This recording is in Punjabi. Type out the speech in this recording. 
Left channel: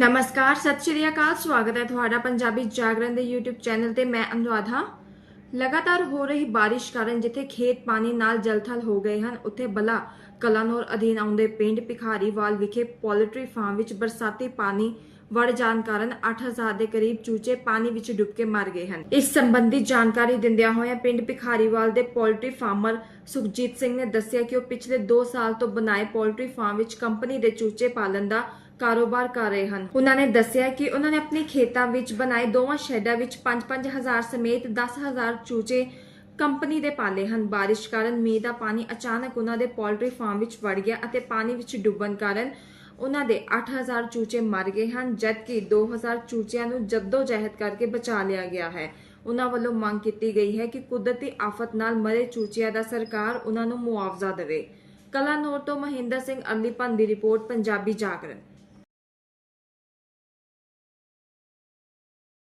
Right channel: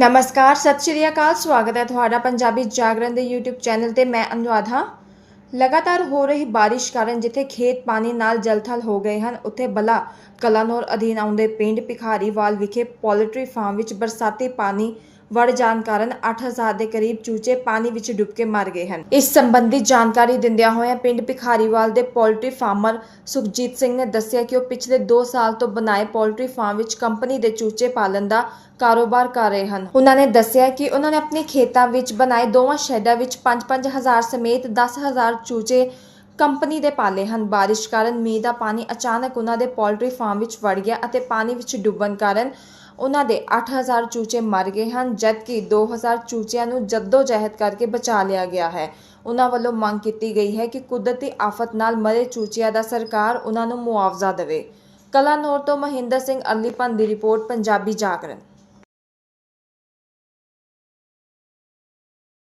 ਨਮਸਕਾਰ, ਸਤਿ ਸ਼੍ਰੀ ਅਕਾਲ, ਸਵਾਗਤ ਹੈ ਤੁਹਾਡਾ ਪੰਜਾਬੀ ਜਾਗਰਣ ਦੇ YouTube ਚੈਨਲ ਤੇ, ਮੈਂ ਅਨੁਰਾਧਾ। ਲਗਾਤਾਰ ਹੋ ਰਹੀ ਬਾਰਿਸ਼ ਕਾਰਨ ਜਿੱਥੇ ਖੇਤ ਪਾਣੀ ਨਾਲ ਜਲਥਲ ਹੋ ਗਏ ਹਨ, ਉੱਥੇ ਬਲਾ ਕਲਾਨੌਰ ਅਧੀਨ ਆਉਂਦੇ ਪਿੰਡ ਭਿਖਾਰੀਵਾਲ ਵਿਖੇ ਪੋਲਟਰੀ ਫਾਰਮ ਵਿੱਚ ਬਰਸਾਤੀ ਪਾਣੀ ਵੜ ਜਾਣ ਕਾਰਨ 8000 ਦੇ ਕਰੀਬ ਚੂਚੇ ਪਾਣੀ ਵਿੱਚ ਡੁੱਬ ਕੇ ਮਰ ਗਏ ਹਨ। ਇਸ ਸੰਬੰਧੀ ਜਾਣਕਾਰੀ ਦਿੰਦਿਆਂ ਹੋਇਆਂ ਪਿੰਡ ਭਿਖਾਰੀਵਾਲ ਦੇ ਪੋਲਟਰੀ ਫਾਰਮਰ ਸੁਖਜੀਤ ਸਿੰਘ ਨੇ ਦੱਸਿਆ ਕਿ ਉਹ ਪਿਛਲੇ 2 ਸਾਲ ਤੋਂ ਬਣਾਏ ਪੋਲਟਰੀ ਫਾਰਮ ਵਿੱਚ ਕੰਪਨੀ ਦੇ ਚੂਚੇ ਪਾਲਣ ਦਾ ਕਾਰੋਬਾਰ ਕਰ ਰਹੇ ਹਨ। ਉਹਨਾਂ ਨੇ ਦੱਸਿਆ ਕਿ ਉਹਨਾਂ ਨੇ ਆਪਣੇ ਖੇਤਾਂ ਵਿੱਚ ਬਣਾਏ ਦੋਵਾਂ ਸ਼ੈਡਾਂ ਵਿੱਚ 5-5000 ਸਮੇਤ 10000 ਚੂਚੇ ਕੰਪਨੀ ਦੇ ਪਾਲੇ ਹਨ। ਬਾਰਿਸ਼ ਕਾਰਨ ਮੀਂਹ ਦਾ ਪਾਣੀ ਅਚਾਨਕ ਉਹਨਾਂ ਦੇ ਪੋਲਟਰੀ ਫਾਰਮ ਵਿੱਚ ਵੜ ਗਿਆ ਅਤੇ ਪਾਣੀ ਵਿੱਚ ਡੁੱਬਣ ਕਾਰਨ ਉਹਨਾਂ ਦੇ 8000 ਚੂਚੇ ਮਰ ਗਏ ਹਨ, ਜਦਕਿ 2000 ਚੂਚਿਆਂ ਨੂੰ ਜੱਦੋ ਜਹਿਦ ਕਰਕੇ ਬਚਾ ਲਿਆ ਗਿਆ ਹੈ। ਉਹਨਾਂ ਵੱਲੋਂ ਮੰਗ ਕੀਤੀ ਗਈ ਹੈ ਕਿ ਕੁਦਰਤੀ ਆਫਤ ਨਾਲ ਮਰੇ ਚੂਚਿਆਂ ਦਾ ਸਰਕਾਰ ਉਹਨਾਂ ਨੂੰ ਮੁਆਵਜ਼ਾ ਦੇਵੇ। ਕਲਾਨੌਰ ਤੋਂ ਮਹਿੰਦਰ ਸਿੰਘ ਅਲੀਪਨ ਦੀ ਰਿਪੋਰਟ, ਪੰਜਾਬੀ ਜਾਗਰਣ।